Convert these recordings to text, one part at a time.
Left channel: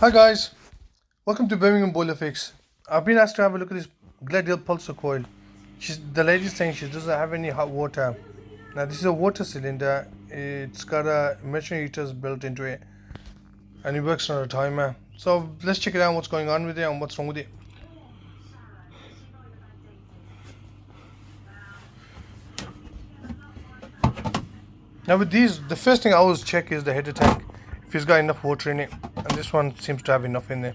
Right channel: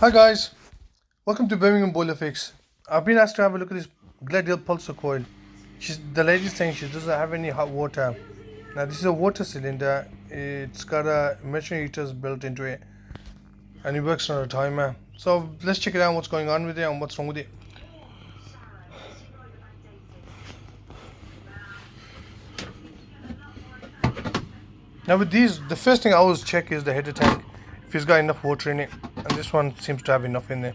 Hi guys, welcome to Birmingham Boiler Fix. I've been asked to have a look at this Glendhill pulsacoil. The lady's saying she doesn't have any hot water. Now this is a water cylinder. It's got a immersion heaters built into it, and it works on a timer. So let's check it out. What's going on with it and what's wrong with it. Now with these, the first thing I always check is the header tank, if it's got enough water in it, and this one seems to have enough in there.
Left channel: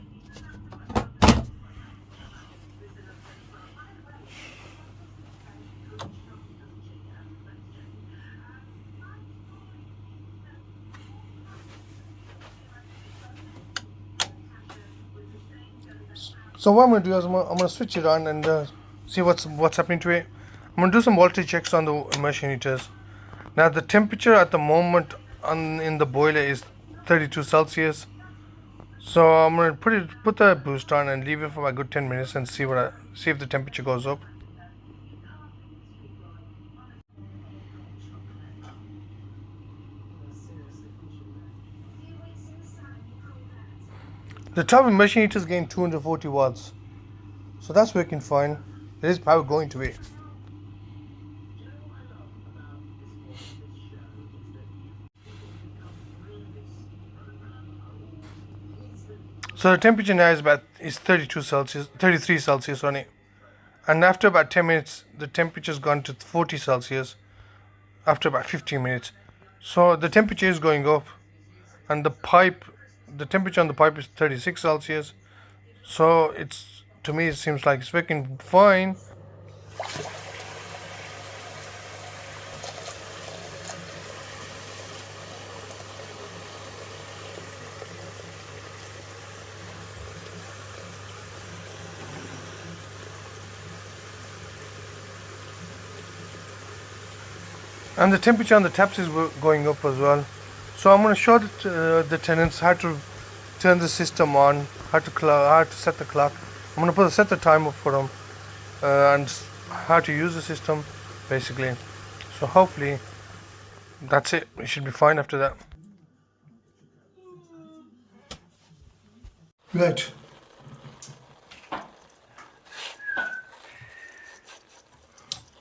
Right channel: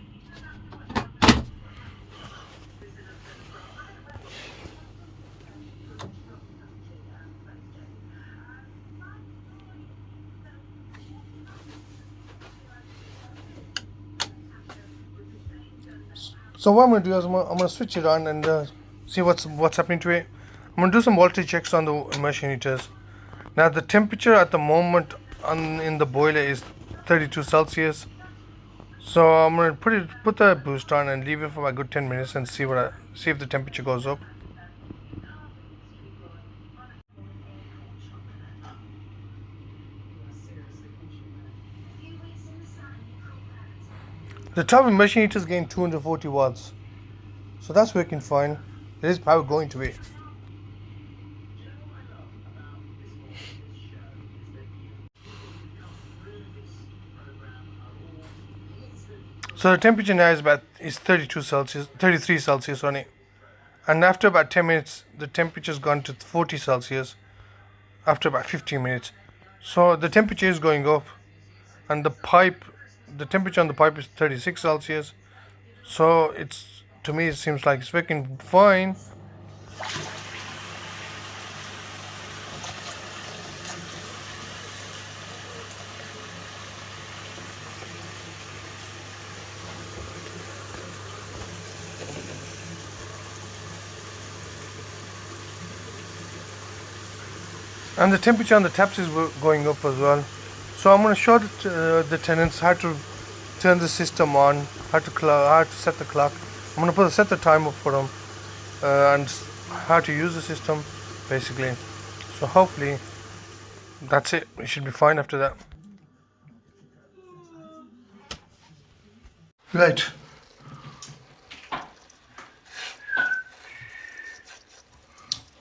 So what I'm going to do is I'm going to switch it on and see what's happening to it. I'm going to do some voltage checks on the immersion heaters. Now the temperature at the moment in the boiler is 32 Celsius. So I'm going to put the boost on and leave it for a good 10 minutes and see if the temperature goes up. The top immersion heater is getting 240 watts. So that's working fine. There is power going to it. So the temperature now is 33 Celsius on it. And after about 10 minutes, the temperature's gone to 40 Celsius after about 15 minutes. So the temperature is going up, and the temperature on the pipe is 36 Celsius. So to me, it seems like it's working fine. And the temperature on the taps is going up as well. So I'm going to show the tenants how to turn the system on, how to set the clock. I'm going to set the timer for them and how to use the system basically. So hopefully that's it. It should be fine after that. Right.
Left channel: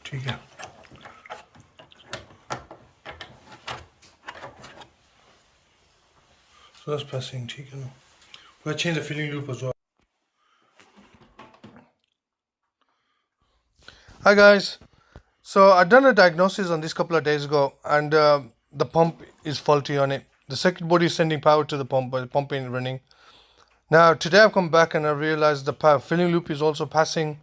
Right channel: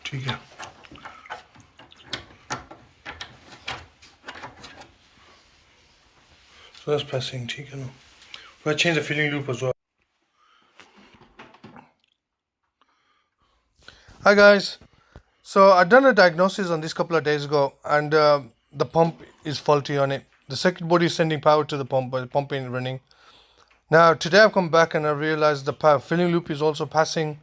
ठीक है. So that's passing, ठीक है ना. We'll change the filling loop as well. Hi guys. So I done a diagnosis on this couple of days ago, and the pump is faulty on it. The circuit board is sending power to the pump, but the pump ain't running. Now today I've come back and I realized the power filling loop is also passing.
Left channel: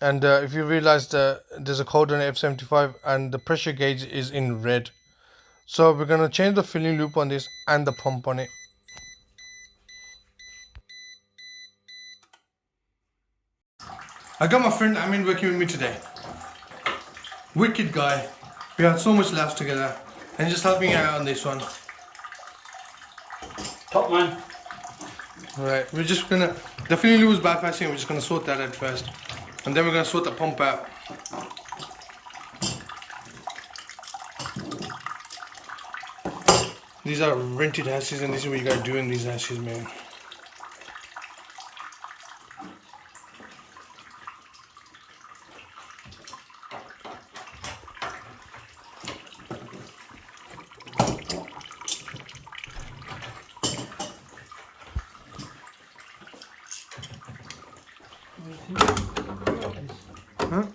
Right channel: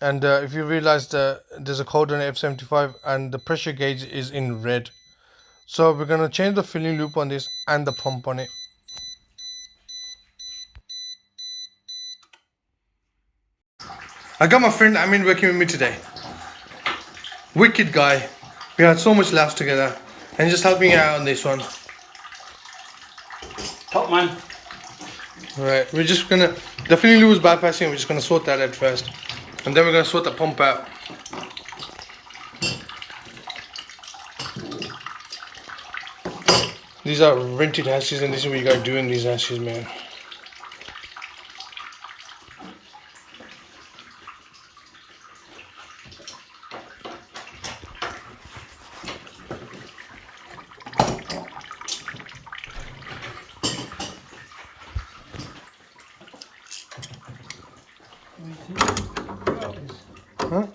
And if you realize there's a code on F75 and the pressure gauge is in red. So we're going to change the filling loop on this and the pump on it. I got my friend Amin working with me today. Wicked guy. We had so much laughs together. And he's just helping out on this one. Top man. Right, we're just gonna, the filling loop is bypassing, we're just gonna sort that out first. And then we're gonna sort the pump out. These are rented houses, and this is what you gotta do in these houses, man. Huh?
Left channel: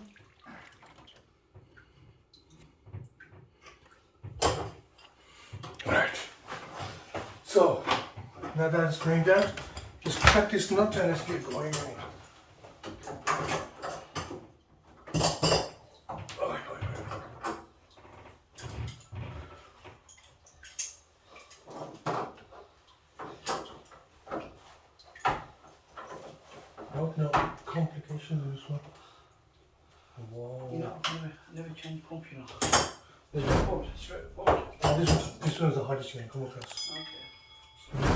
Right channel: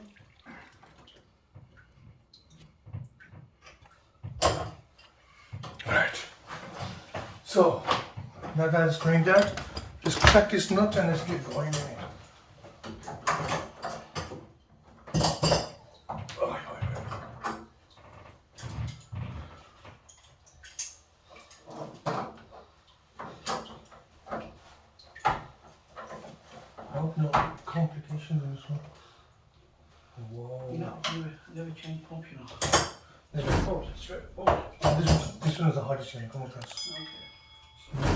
Right. So, now that it's going there, just crack this nut and let's get going. No complications in this one. Whoa. You know, never change pump, you know. There's a port, straight forward. This one's the hardest one, come across. Okay.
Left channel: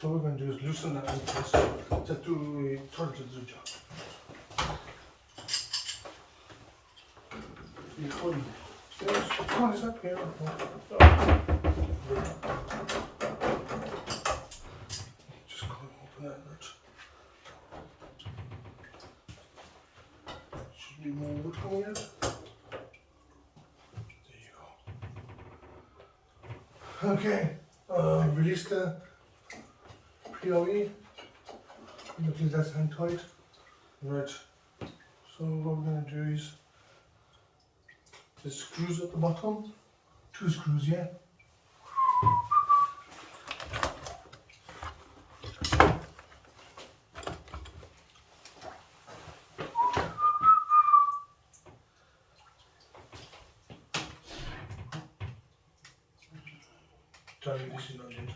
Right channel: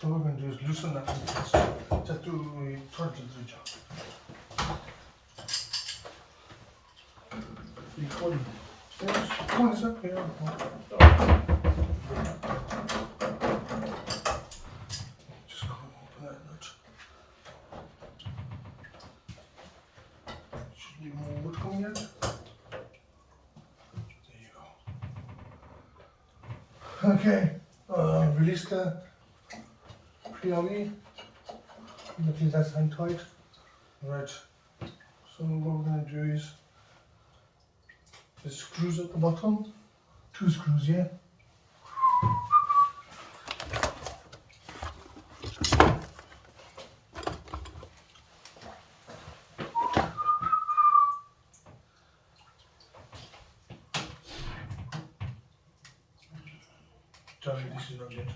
So what we're going to do is loosen that one first. Just to turn to the job. Come on, is that here? Need more wood coming out. There you go. Okay, release the ferroli. Nothing that's hang tight. Right. So what we're going to do is the screws at the bottom. 2 screws, yeah. Tell me this is not it.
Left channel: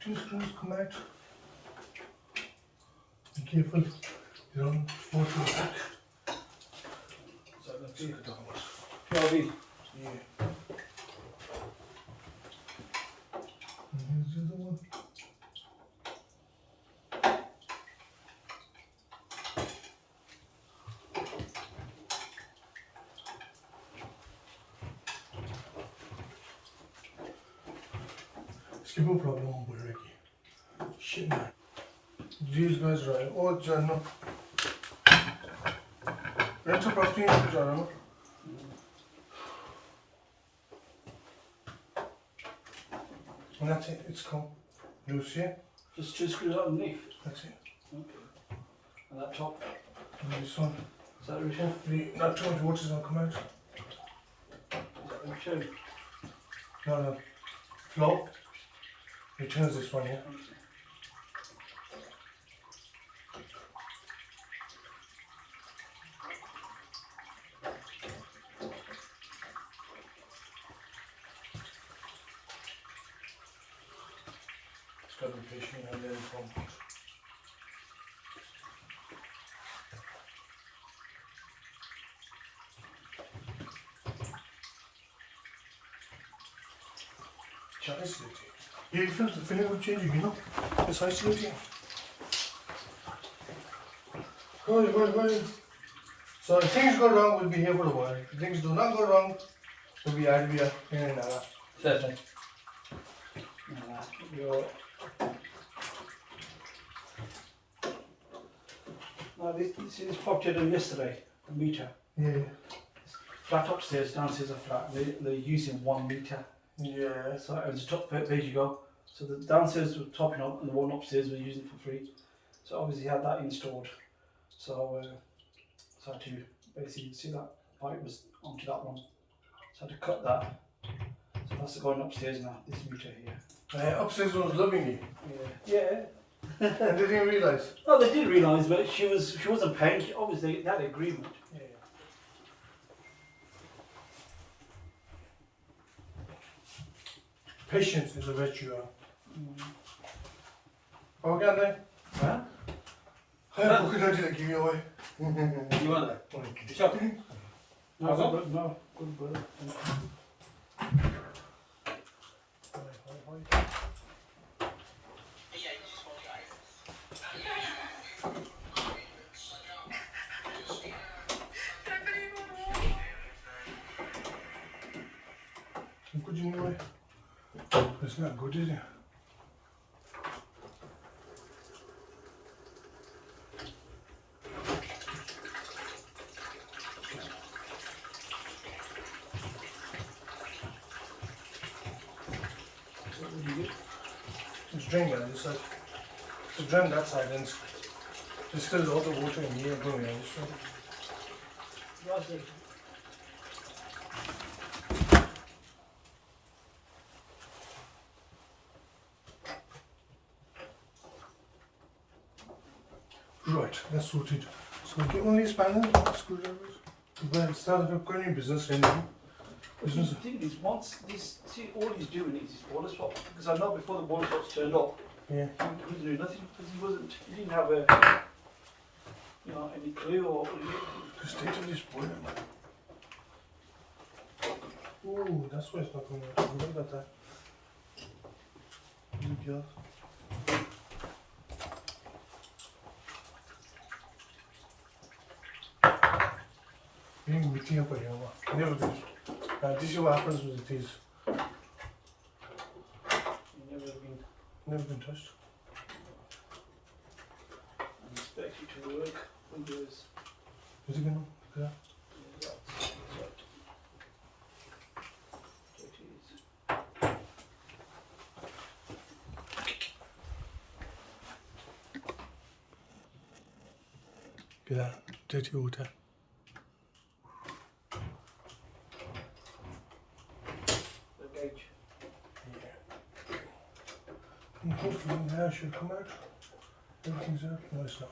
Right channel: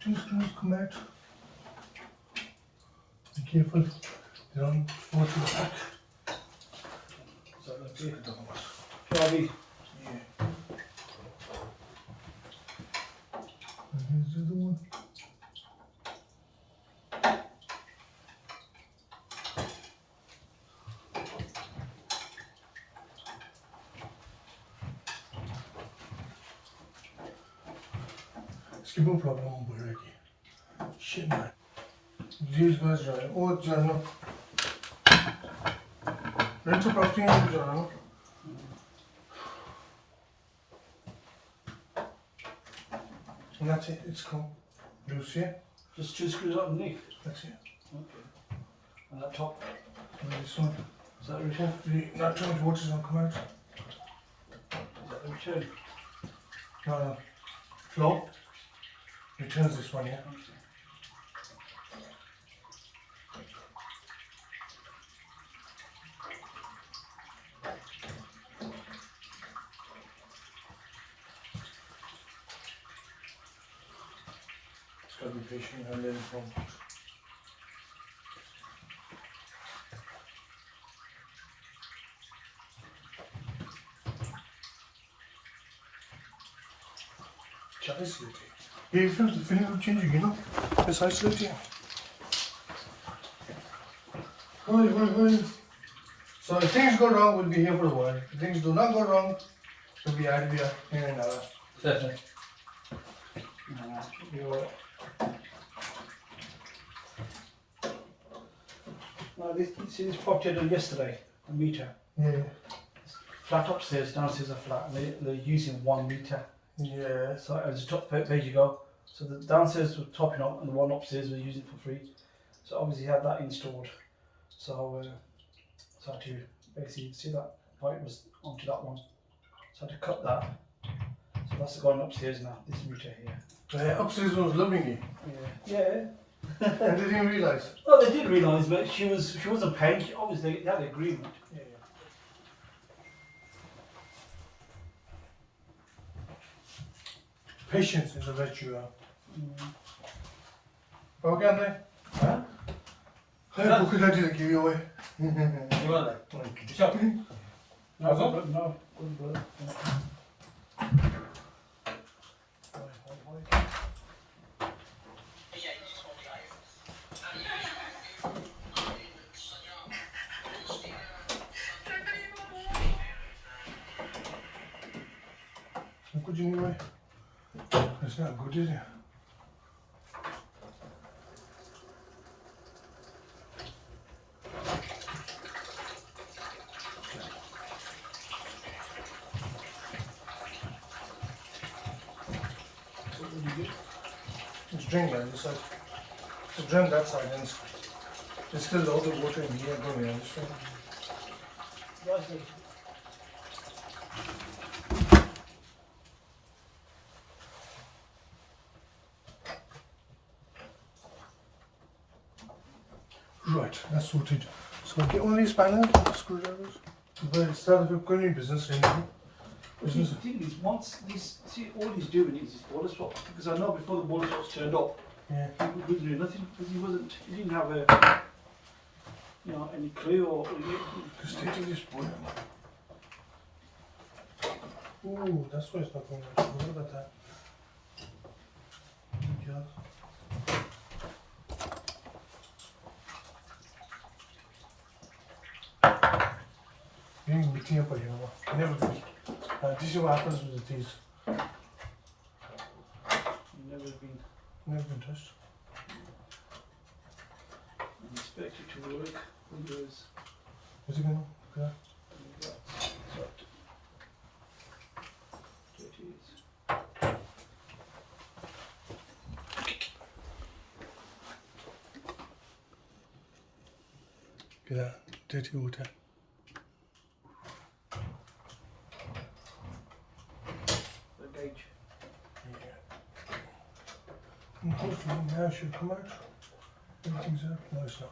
Two screws come out. Be careful, they don't go to the back. So let's get it almost. Heavy. Yeah. And here's the other one. Skip no problem, Buraki. Shit, man. These guys right. Oh, Jarno. Rent a property in Jarno. And that's it, it's come loose, yeah? Just 2 screws underneath. That's it. Okay. And that top. And this one. Is that return? Hopefully, not too much water's gonna come out. Is that return? No, no. Flow. Returns this one, yeah? Okay. Just gotta be patient and then it won't. It's isolating. Yeah, you feel the feeling of changing, you know? It's isolating. Right. So if things go wrong, we'll be here for a while. If things do not go wrong, we'll be out of here in an hour. Perfect. Now this property I done yesterday, a meter. Yeah. Flat upstairs, downstairs are flat. They're using 1 meter. Yeah. So it was the top page you go. So the downstairs were topping up and the one upstairs were using it for free. So obviously had that installed. So so I had to basically see that pipe was onto that one. So I had to cut that. So that's going upstairs now, this meter here. The upstairs one was loving you. Yeah. And they didn't realise. Well, they did realise, but she wasn't paying. Obviously, they had an agreement. Yeah. Patience is a virtue. Okay, Andre? Huh? Hi, book it until I give you away. You want that? Sure. No, no. Good brother. Could you anyway? It's not good, is it? What would you do? It's drained down this side. It's drained that side and there's still all the water in here going on this side. Biasi. Right, that's sorted. So get one of these spanners, screwdrivers. But start of a new business and business. The thing is, once this, see, all he's doing is his boiler swap. Because I know before the boiler swaps turned up, Yeah. he was doing nothing because he didn't have any clue or. Just take this boiler. Ooh, that's why it's not going out. Forget about that. Idiot. Being meeting up here, never do. This is what happens with these. Never been Never been touched. and expect it to work when there's Is it gonna? Yeah. Get that dirty water. The gauge. And hopefully now it should come out. Everything's out. No, it's not.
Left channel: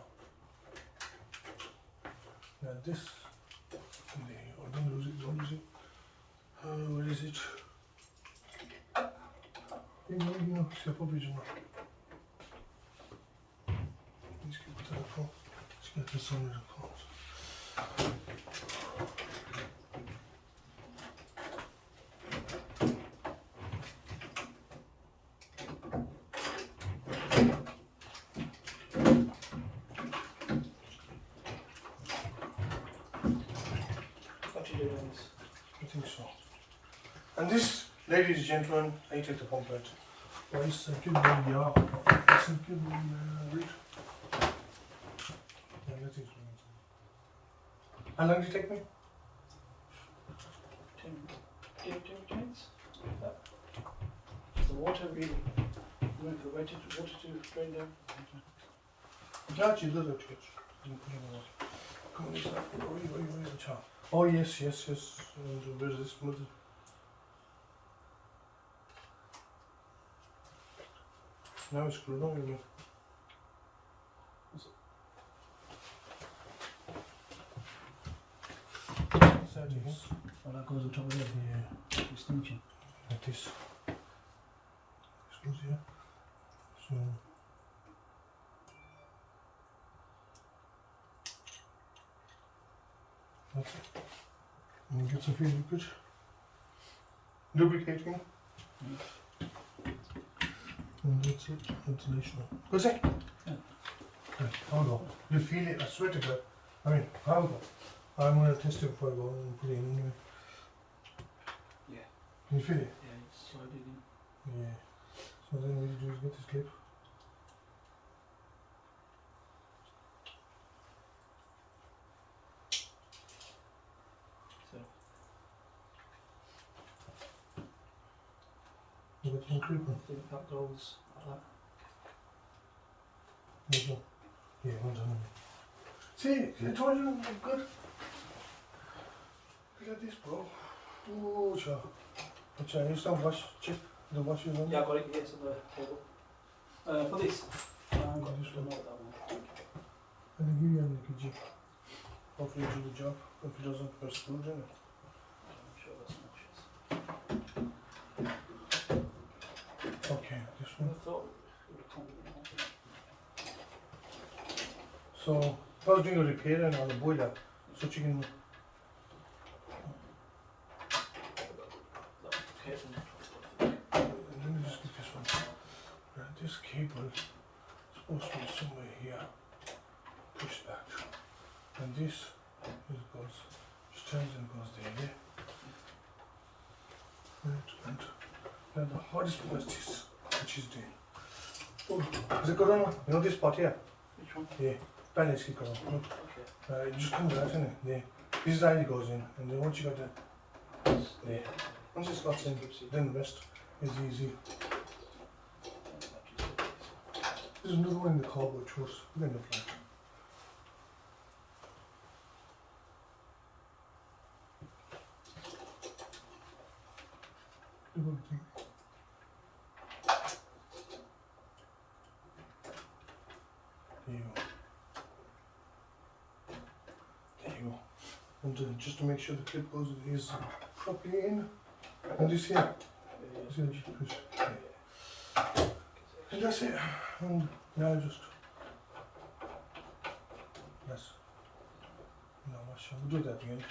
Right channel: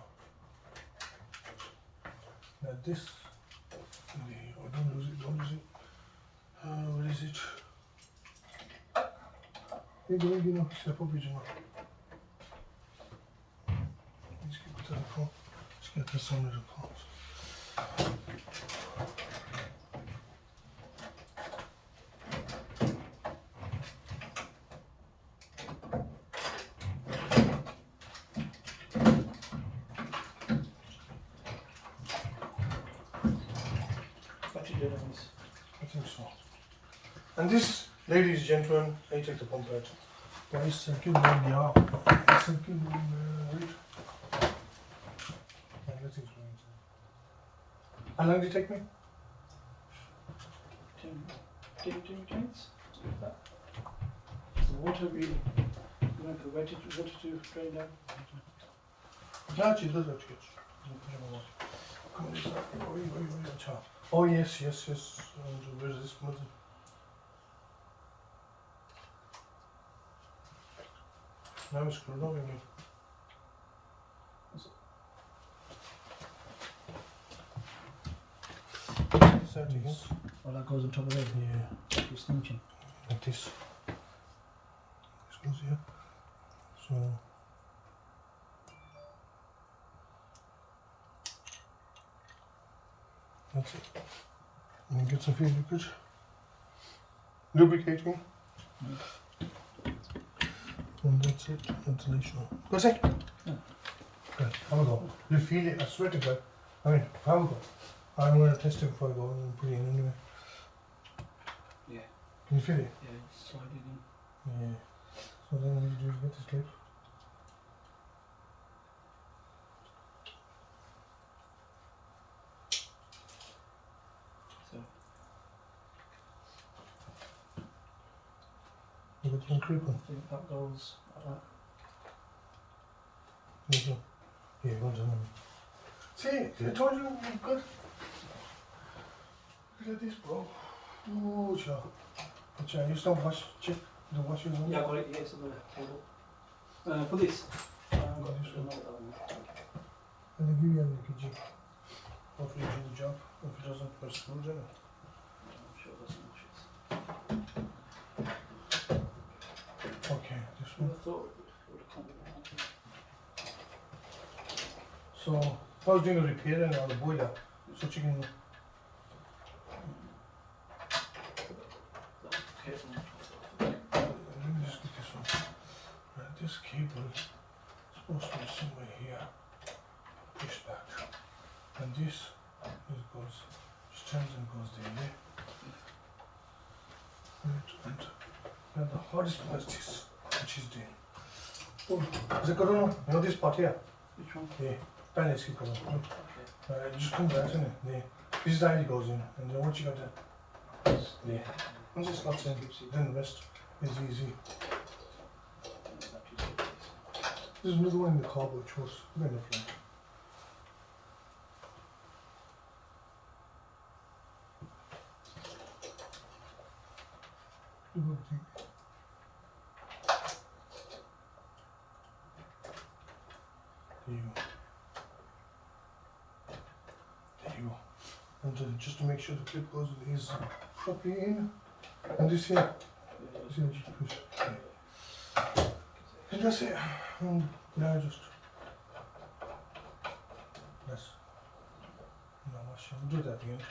Now this. Oh, don't lose it. Don't lose it. Where is it? You know, step up, you know. Let's get to the phone. Let's get this on the calls. What you did on this? I think so. And this, ladies and gentlemen, I take the pump out. Guys, give me the hour. Give me a week. Yeah, nothing's going on. How long did it take me? 10 minutes. The water really, you want the water to drain down. Actually, does have to get. Come on, this side. The chop. Oh, yes. Where is this blood? Now it's screwed on me. Well, that goes on top of it. Yeah. Extension. Like this. This goes here. So. That's it. And then get some feed liquid. Lubricating. And that's it. Ventilation. That's it? Yeah. Right, have a go. You feel it, I swear to God. I mean, have a go. I'm going to test it before I go and put it in anyway. Yeah. Can you feel it? Yeah, it's sliding in. Yeah. So then what you do is get this clip. So, You got some clip on. I think that goes like that. There you go. Yeah, go on. See, I told you, I'm good. Look at this, bro. Oh, child. But you don't wash, check the washing room. Yeah, I got it, yeah, it's on the table. For this, I haven't got This this one. one. That one. And they give you an LPG. Hopefully you do the job. If it doesn't, press screws in it. I'm sure that's nauseous. Okay, this I one. thought it would come with So, if I was doing a repair on the boiler, so you can. Let me just get this one. Right, this cable is supposed to be somewhere here. Push back. And this it goes, just turns and goes there, yeah? Right, and now the hardest part is this, which is doing. Oh, is it good or not? You know this part here? Which one? Yeah, balance keep going. Okay. It just comes out, isn't it? There. This is how it goes in, and then once you got the, there. Once it slots in, then the rest is easy. There's another one in the cardboard choice. We're in the flat. Do everything. There you go. There you go. And just to make sure the clip goes is properly in. And this here. This here, just push. Yeah. And that's it. And now just. Yes. No, we'll do that again.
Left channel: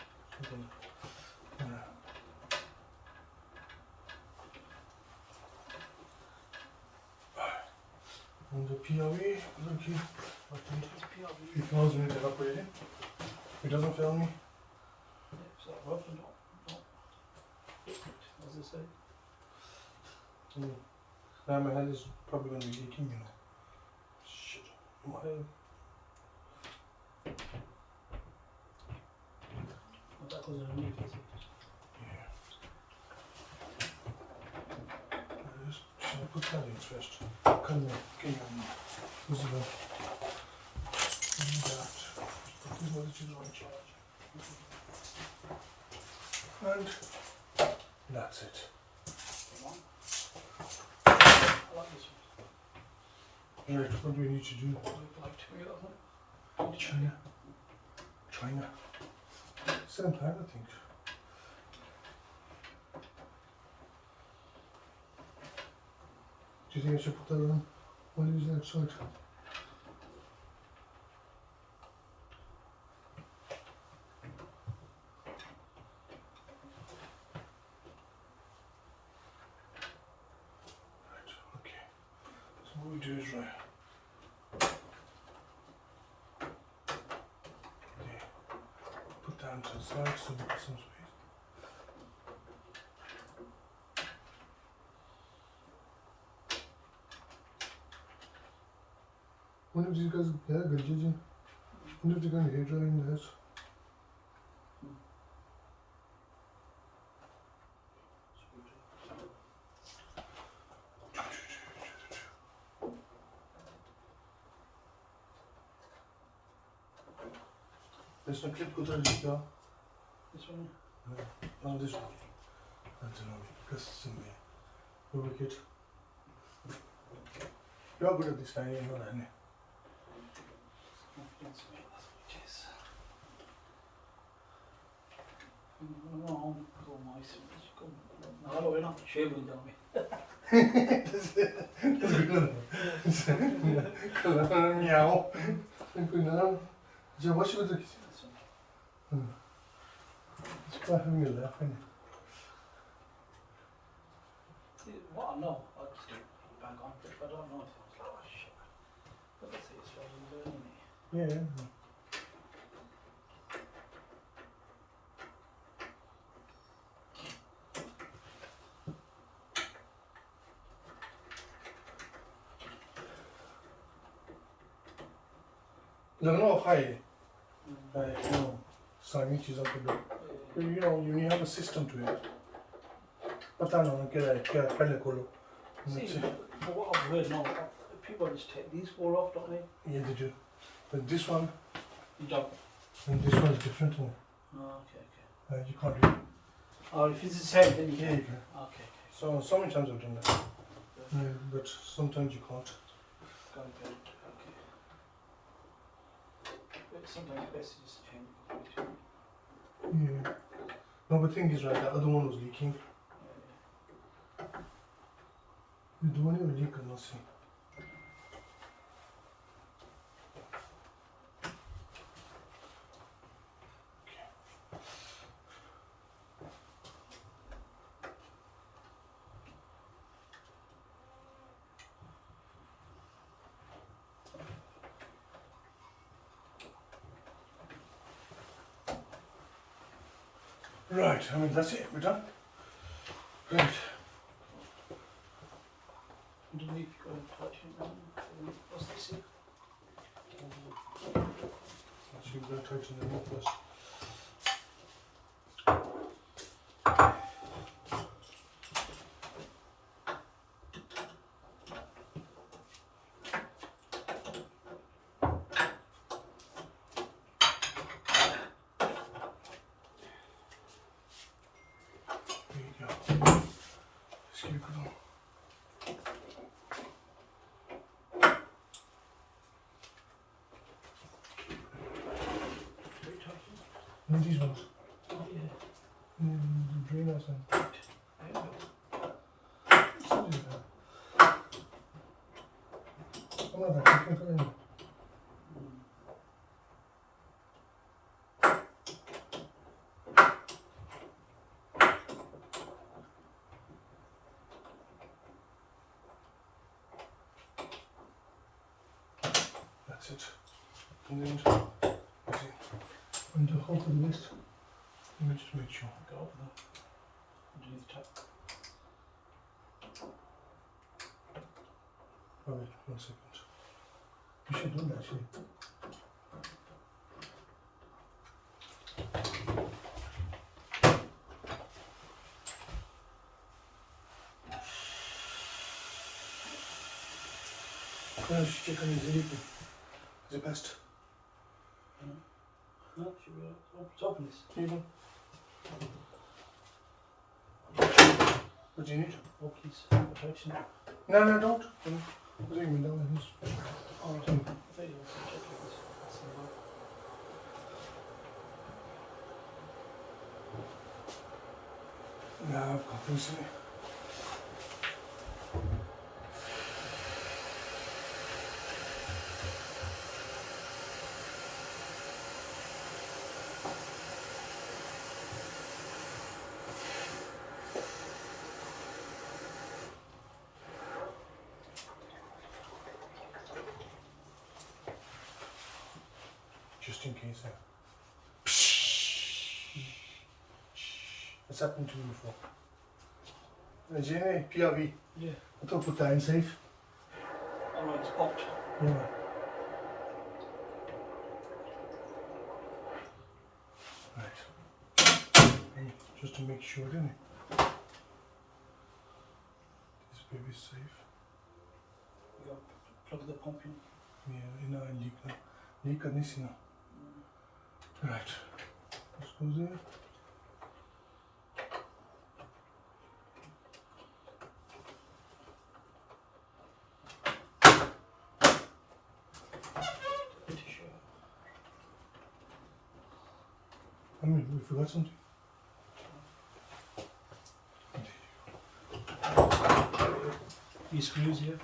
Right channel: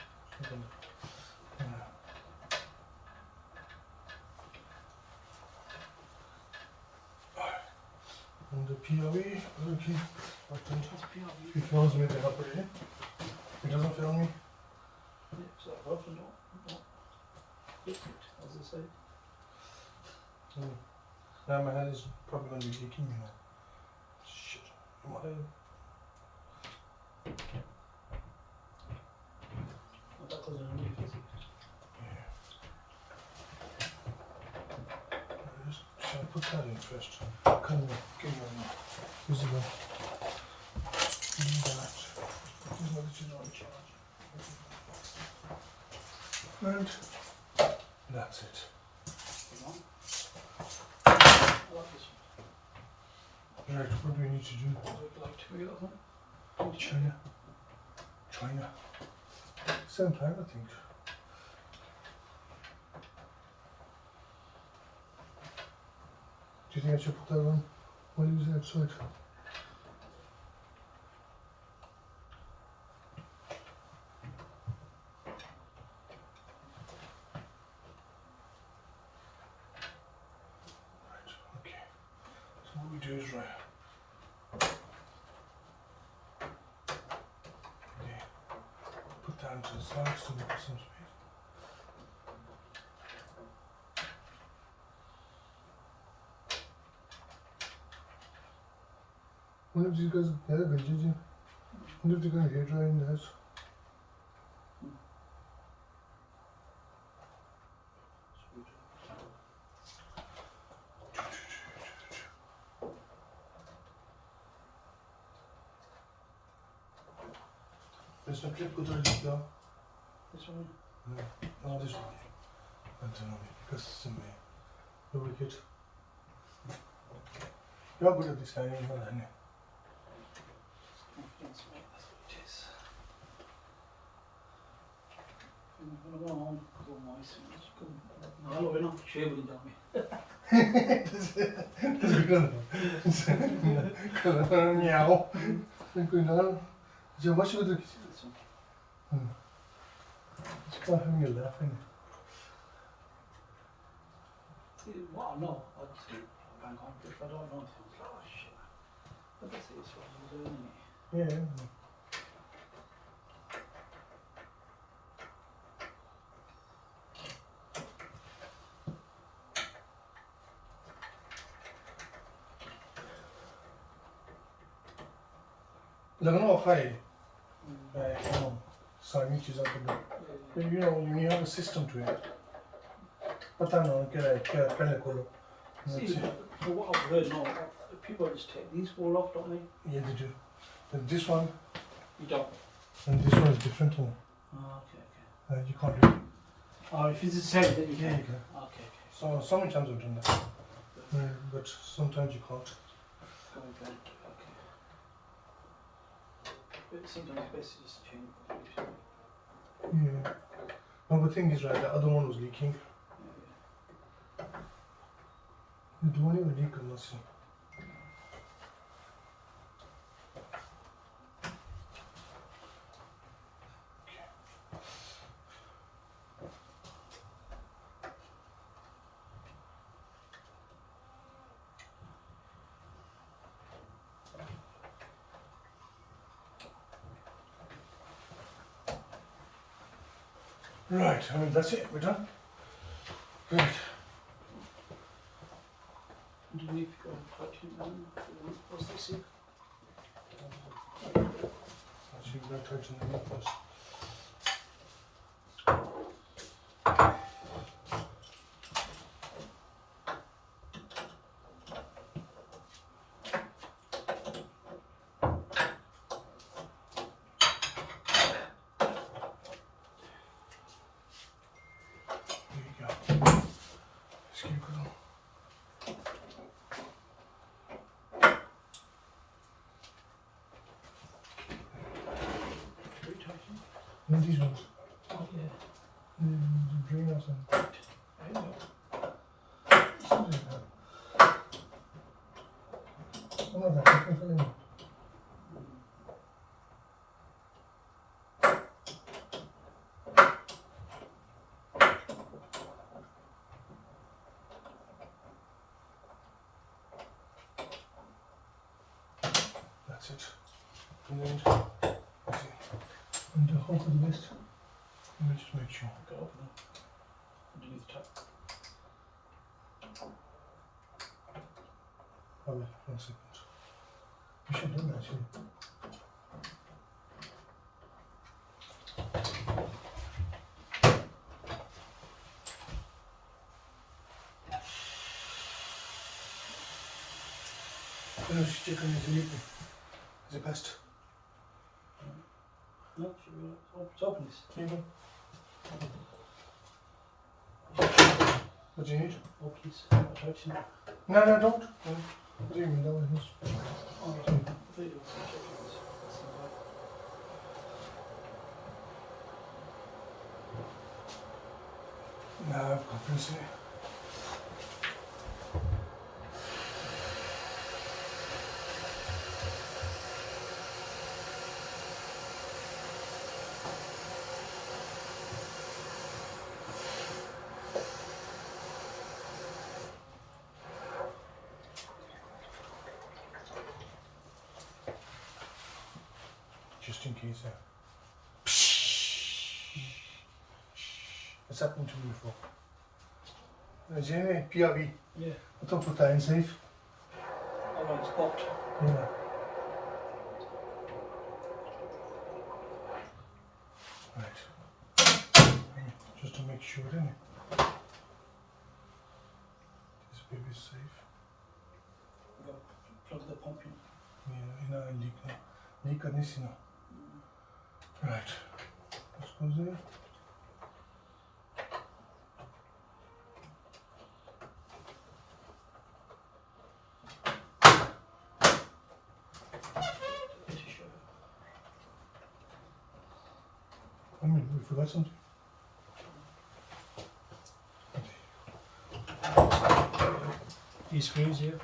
And the POE, okay. If he films me, then operate it. If he doesn't film me, Yeah, so open up. fix it, as they say. Now my head is probably going to be leaking, you know. Shit. My head. But that doesn't really fix it. Yeah. Shall I put that in first? Come on, give me one. This is the that. This is what it is on charge. And that's it. Come on. I like this Right, what do we need to do? one. I'd like to do that one. China. China. 7 times, I think. Do you think I should put that on while he's outside? Right, okay. So what we do is right. Okay. Put that to the side so we get some space. One of these guys, yeah, good, did you? One of the guys hair dry in the house. This one clip good or leak there? This one. No, no, this one. I don't know, because it's in my lubricate. You're good at this time, you know that, innit? That's what it is. No, go mice. Hello, we're not shaving down me. This is good. Meow. Good now. Joe, what should we do? It's quite having a laugh, isn't it? What I know, I'd just bang on. But if I don't know, it's like, oh shit. But that's it, it's what I'm doing, isn't it? Yeah. I don't know how you know, sandwiches are good. You know, when you have a system to it. But I don't know, get a pellicle. See, for what I've heard now, people just take these four off, don't they? Yeah, they do. But this one You don't. and this one is different. Oh, okay. You can't do it. Oh, if it's the same, then you Yeah, can. you can. Okay. So sometimes I've done that. But sometimes you can't. Got it, okay. But sometimes it's best to just change it. Yeah. No, but the thing is, right, the other one was leaking. The one was leaking, let's see. Right, I mean, that's it, we're done. Right. Underneath, you go and touch it now. What's this here? Actually, we're going to touch the milk first. There you go. Let's keep it going. What are you touching? And these ones. Oh, yeah. The drainers and I know. something like that. Another chicken for them. That's it. And then, let's see. And the whole thing list. Let me just make sure. Go open it. underneath the tap. Oh, wait, 1 second. You should do that actually. Chicken is illegal. The best. No, should we open this? Even. What do you need? Open this protection. No, don't. What do you mean? That one is. Oh, no. I thought you wanted to check this. That's in the back. No, I've got this in it. Just in case. It's happened to me before. Is it any PRV? Yeah. I thought put that in safe. Alright, it's popped. Yeah. Right. And just to make sure, didn't it? This baby's safe. We got plug the pump in. Yeah, leak now. Leak करनी सी ना. Right. This goes there. I mean, we forgot something. These screws here.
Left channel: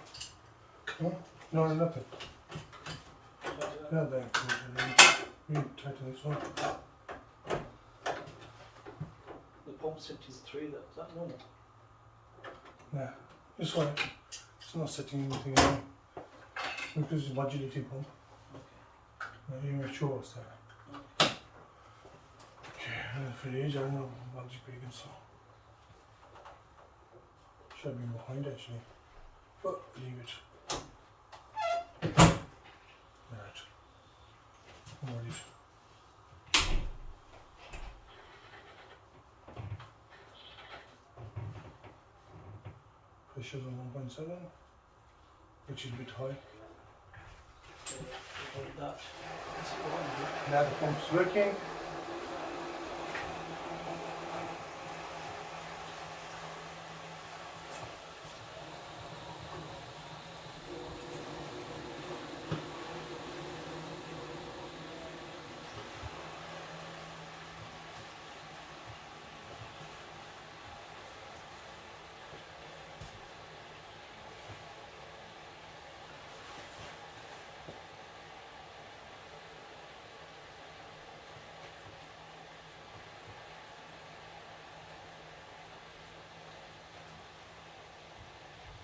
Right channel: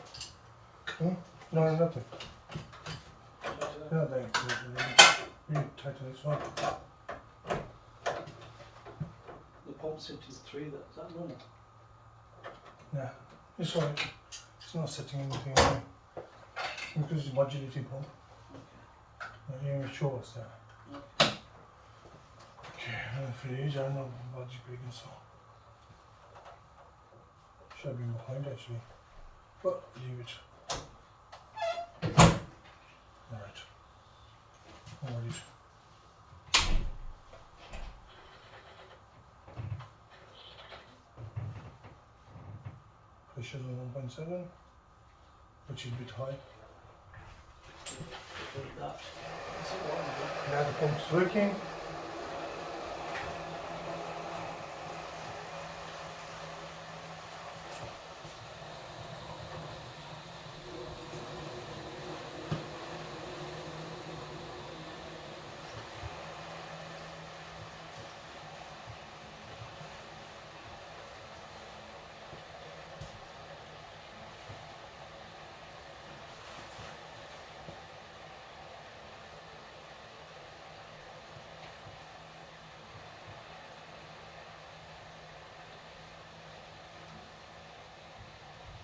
Huh? No, nothing. Not there. We tighten this one. The pump set is 3. Is that normal? Nah, it's alright. It's not setting anything wrong. Because it's modulating pump. Okay. You're not sure what's there. Okay, and for the age, I know budgie big and so. Should have been behind actually. But leave it. Alright. I'm worried. Pressure's on 1.7, which is a bit high. That. Now the pump's working.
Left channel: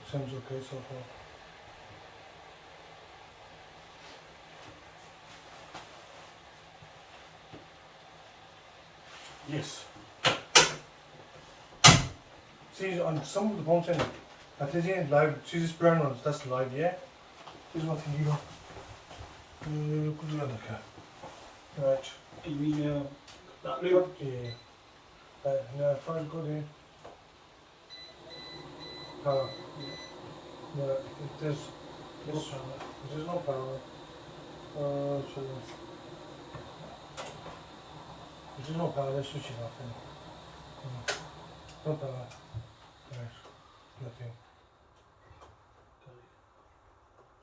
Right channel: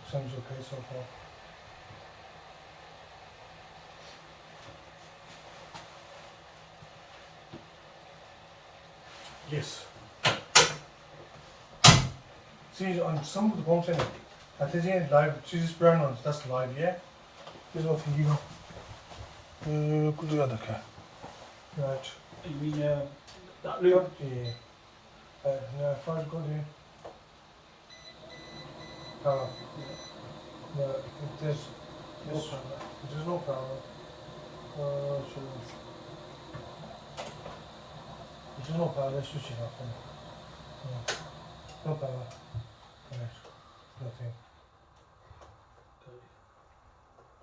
Sounds okay so far. Yes. See, on some of the pumps in it, I think it's live. See this burn on, that's live, yeah? This is what you give. Could do that, okay. Right. Do you mean that loop? Yeah. No, if I go there. Power. No, there's no power. There's no power, let's switch it off. No power. Right. Nothing.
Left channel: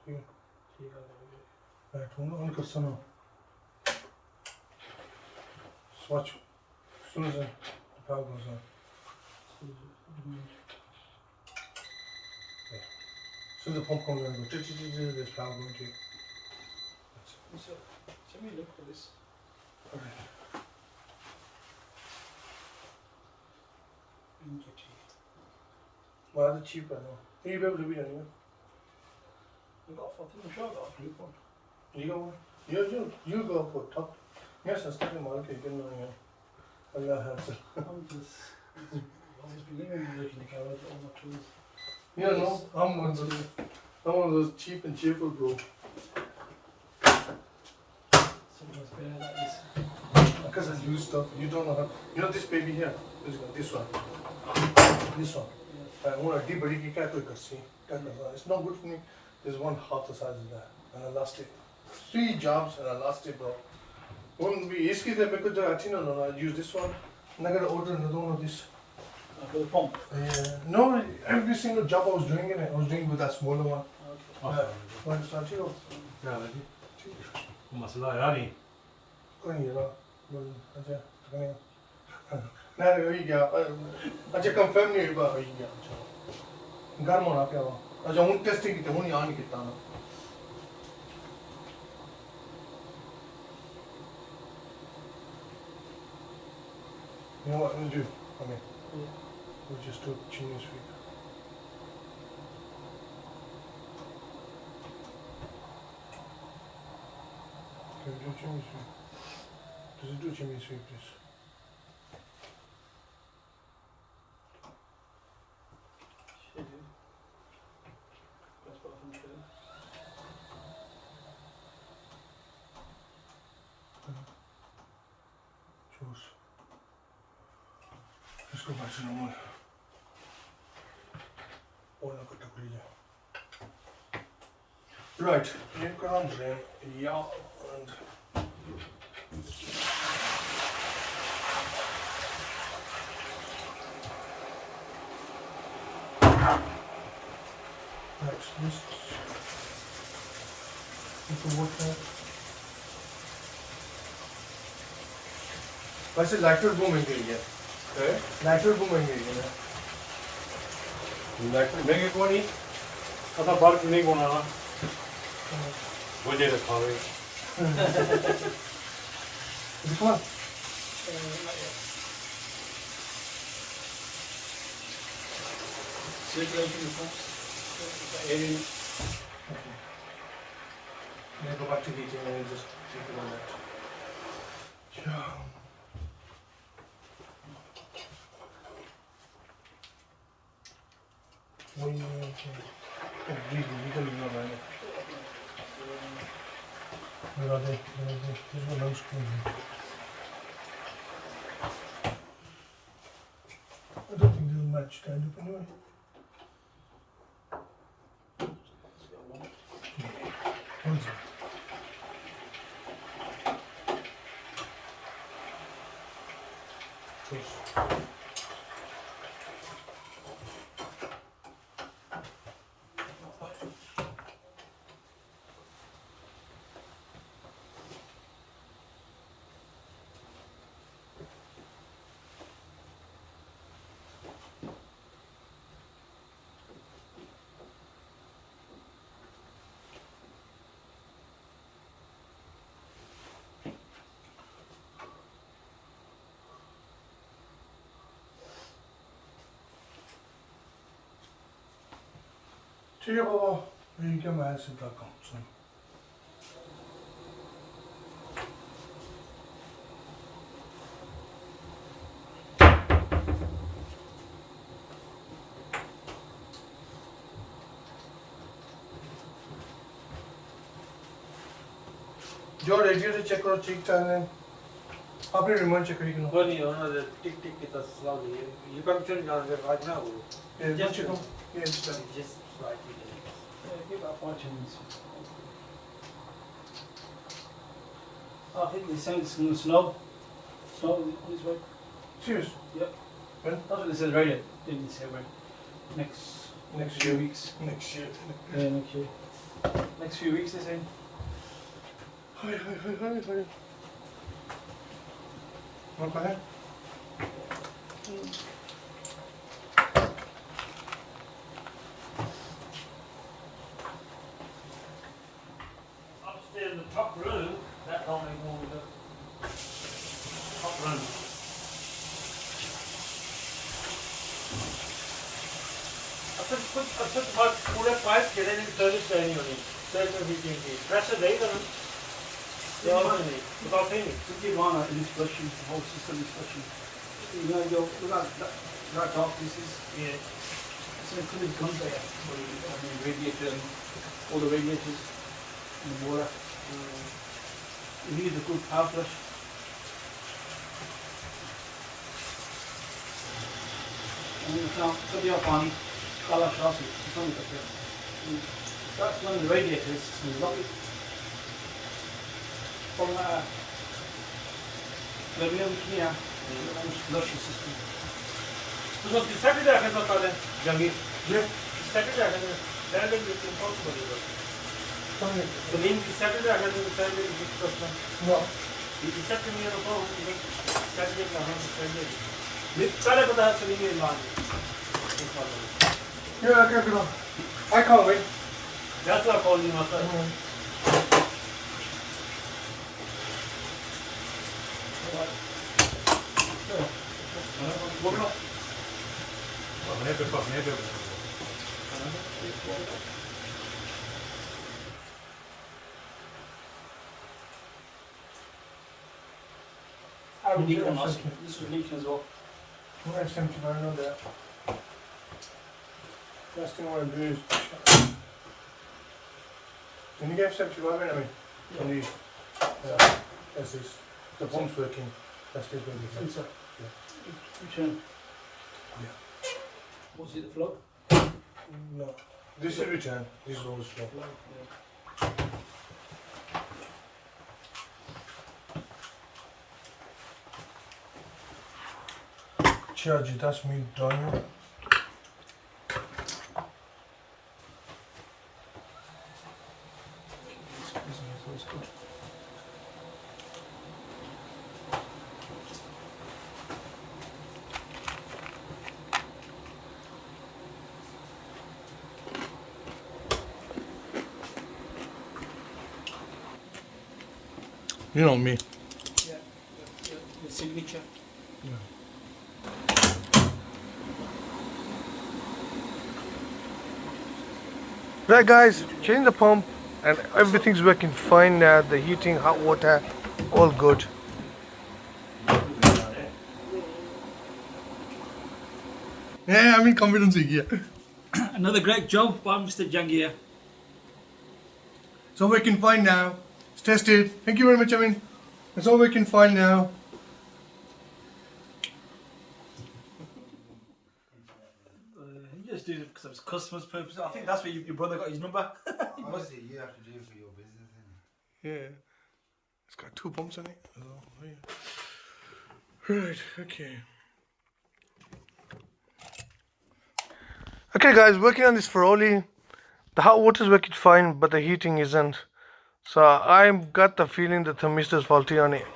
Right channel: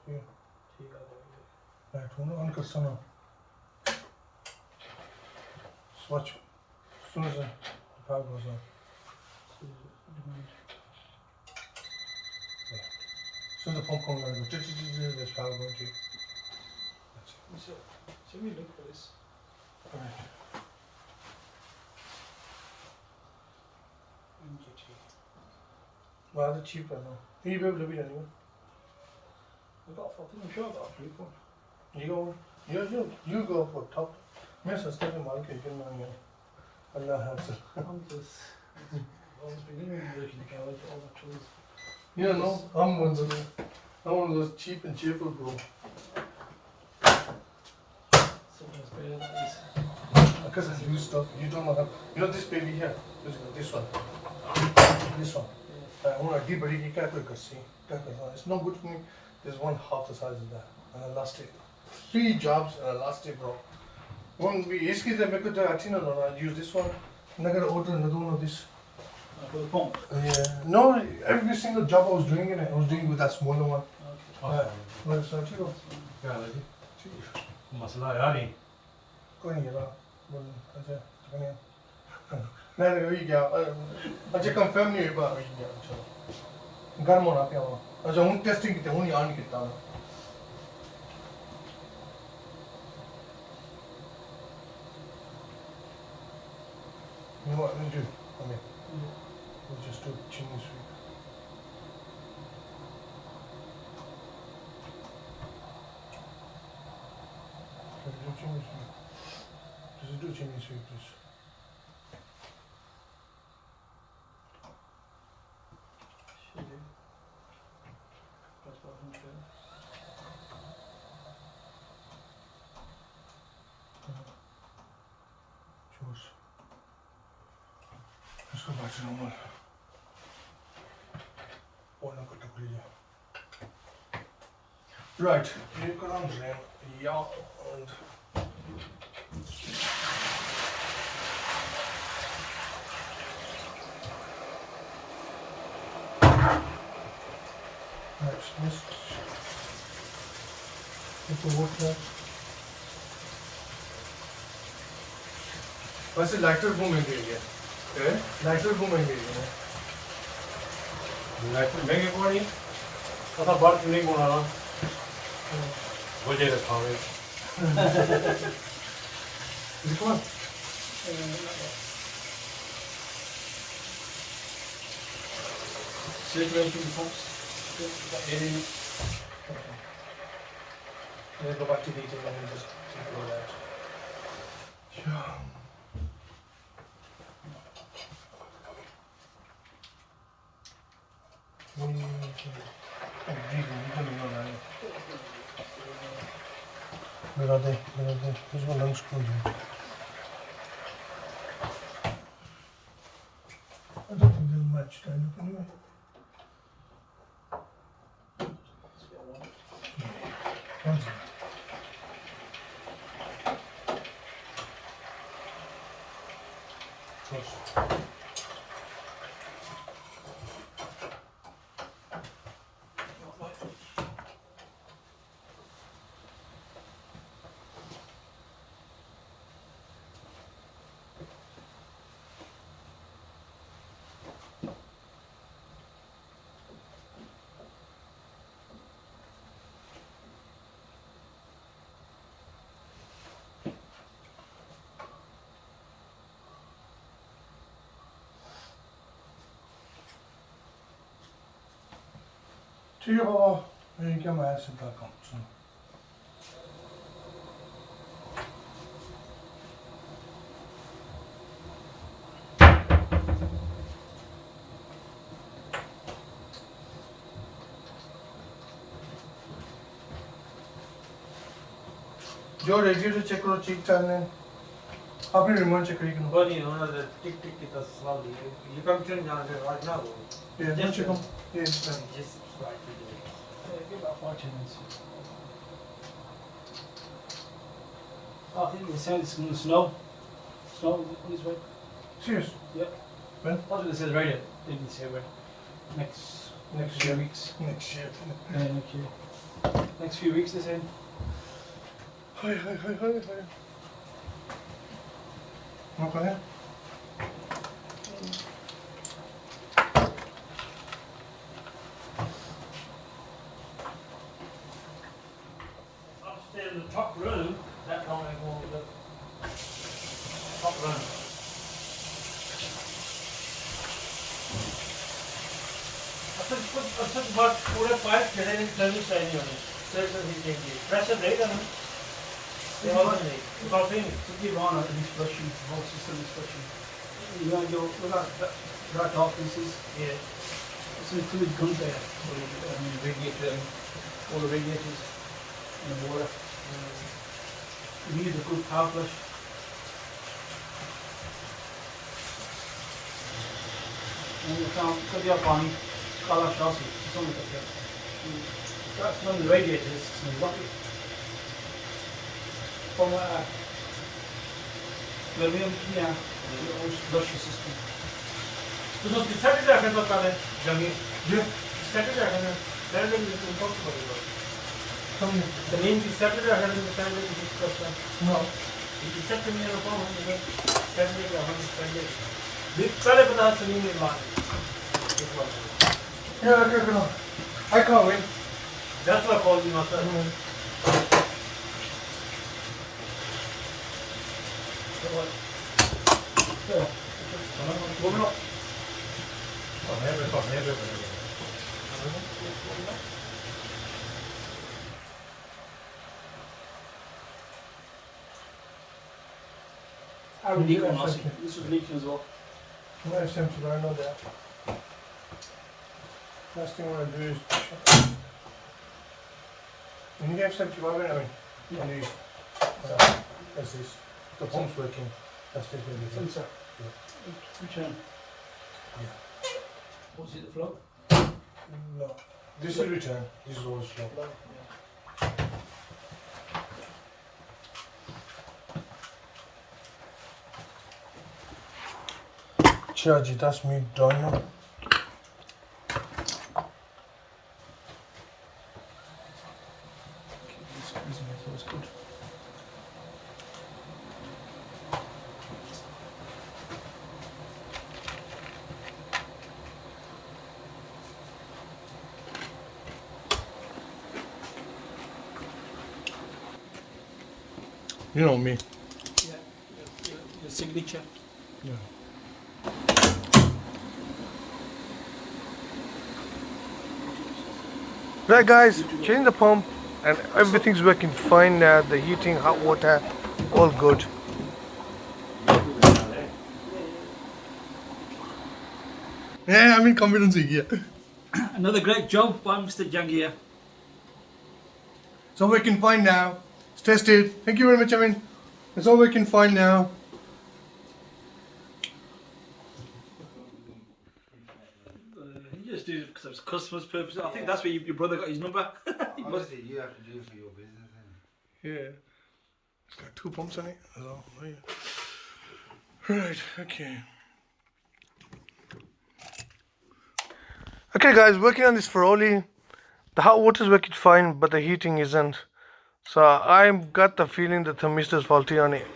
Here. Right, on Kasano. Swatch. As soon as the power goes on. So the pump comes on and goes, there's power going to. So let me look for this. Alright. Well, that's cheaper now. You be able to be anyway. I'm sure I got a loop one. You go, you go for top. Yes, I'm starting market, you can know. Allah has it. I'm just was beginning working the garage, all my tools. Yeah, no, I'm one of those cheap and cheerful, bro. Sometimes better that is. Because I do stuff, you don't know how. You know this baby here? This one. This one. I want to deep, but you can't quick see. It's not good for me. There's one half the size of that. And I lost it. 3 jobs and I lost it, bro. One, we I use this one. And I got to order another one of this. For the pump. No, every single job I was doing it, I was doing with that smaller one. Okay. Well, it's not true. Yeah, like it. Masala yani. कोई नहीं रहा बोल अच्छा कहीं नहीं वही क्या अच्छा कंफर्म नहीं हुआ वही क्या चलो गर्म होना क्या हुआ अच्छा हूँ टेस्टिंग की थी हूँ यहाँ नहीं कितना मैं you know what we do I mean we just do chimney sweep can we do chimney sweep does it do chimney sweep please Should do. That's what I'm doing. Choose. Let's go back to normal. Right, you can drain, yeah, and that's this. You can work that. वैसे lighter boom में गिर गया lighter boom में गिर गया lighter महंगे पड़ी कथा बार पुणे को ना वजह रखा है Is it one? Not yet. Circulation pumps. That area. Okay. Let's go back to detail and just take it all out. Yeah. Oh, geez, you don't even know that. Where are they? There's one loose screw here. I don't think they'll match down anyway. Thanks. Trust. ठीक है बाबा मैं क्या मैं सीधा काम सुन जो radiator check करो ठीक चल रहे हैं आपने रिमोट चेक करी वो नहीं होना the tick tick it does slowly you can turn on it right now just check on yes just right Give about 5 minutes. I think they said it's going to snow. Snow on this way. serious Yep. when That's what they said radio. They didn't say radio. Next few weeks. next year Yeah, next year. Next few weeks, they said. hi okay upstairs in the top room that only one with the top room I took my पूरे pipe गिरे नहीं service नहीं होनी service ही चाहिए pressure देगा ना Yeah, about thing to give on it, it's flushing, the whole system is flushing. You know, you're not, That top pieces. Yeah. So it's really good there. The radiator, all the radiators, and the boiler. You need a good power flush. And then cut the pani, kala shasi, something like that. That's one of the radiators. It's lovely. From Birmingham Solihull, the old flush system. तो जो Saturday आकर तो पहले जंगी जो Saturday आकर में Saturday में तो बहुत मजा समझे तो नीम की Saturday आकर तो Saturday की करता नो ये Saturday में तो हम Saturday का हम Saturday पहले बता सलीम ने लाग Yeah, okay. I can't wait. That's what I call you myself. This was leaking as well. I sent you, I know that. First thing I want to do is. When you get 75 in, I mean, on these. That's this. The pump's working. That's this baby. Sensor. Return. Yeah. What's it, the flow? No. This is return. This is always slow. Charge, that's me done. You know me. Yeah. Your signature. Yeah. Right guys, change the pump and everything's working fine now. The heating, hot water, all good. Yeah, I'm in confidence here. Another great job by Mr. Jangia. It's all working fine now. It's tested. Thank you very much, Amin. It's all working fine now. He just did it because of customers' purposes. I think that's where your brother got his number. Obviously, you have to do it for your business, innit? Yeah. It's got 2 pumps on it. Oh, yeah. Right, okay. Okay guys, working on this ferroli. The hot water is working fine, but the heating isn't. So I've got the feeling the thermistor is faulty on it.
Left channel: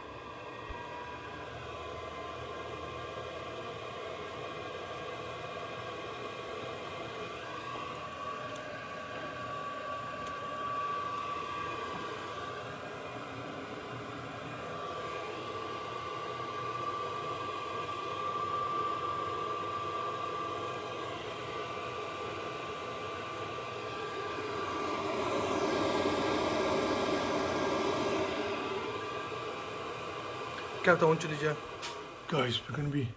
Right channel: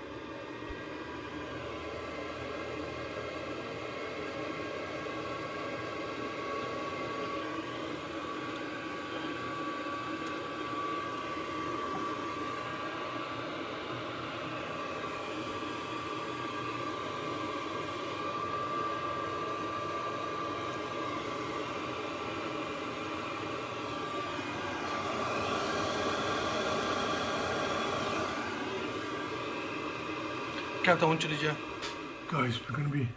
Guys, we're going to be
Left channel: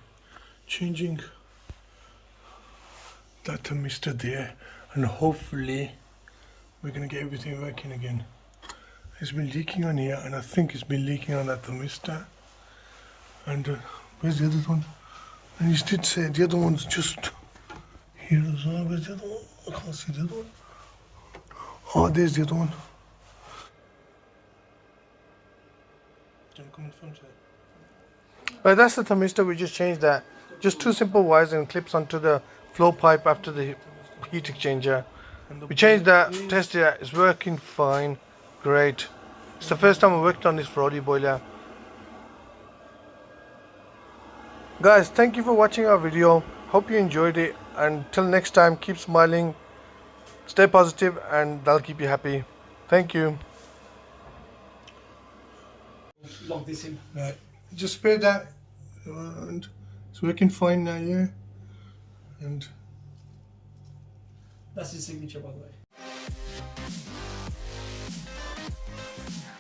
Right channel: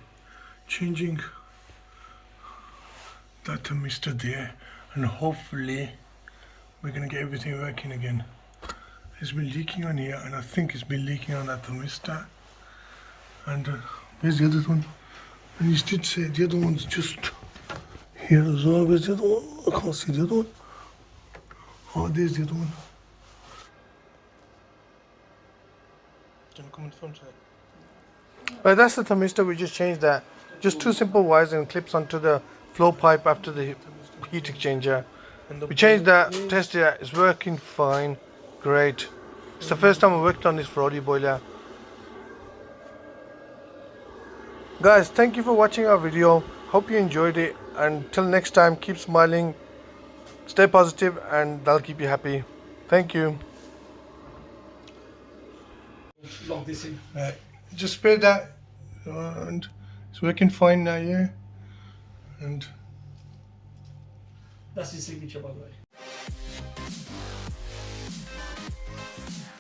changing that thermistor there, and hopefully we're going to get everything working again. It's been leaking on here, and I think it's been leaking on that thermistor. And where's the other one? And he did say the other one's just here as well. Where's the other one? I can't see the other one. Oh, there's the other one. Do you want to come in front of it? But that's the thermistor. We just changed that. Just 2 simple wires and clips onto the flow pipe after the heat exchanger. We changed that, tested it. It's working fine. Great. It's the first time I worked on this ferroli boiler. Guys, thank you for watching our video. Hope you enjoyed it. Until next time, keep smiling, stay positive, and that'll keep you happy. Thank you. Log this in. Right. Just spray that, and it's working fine now, yeah. And That's his signature, by the way.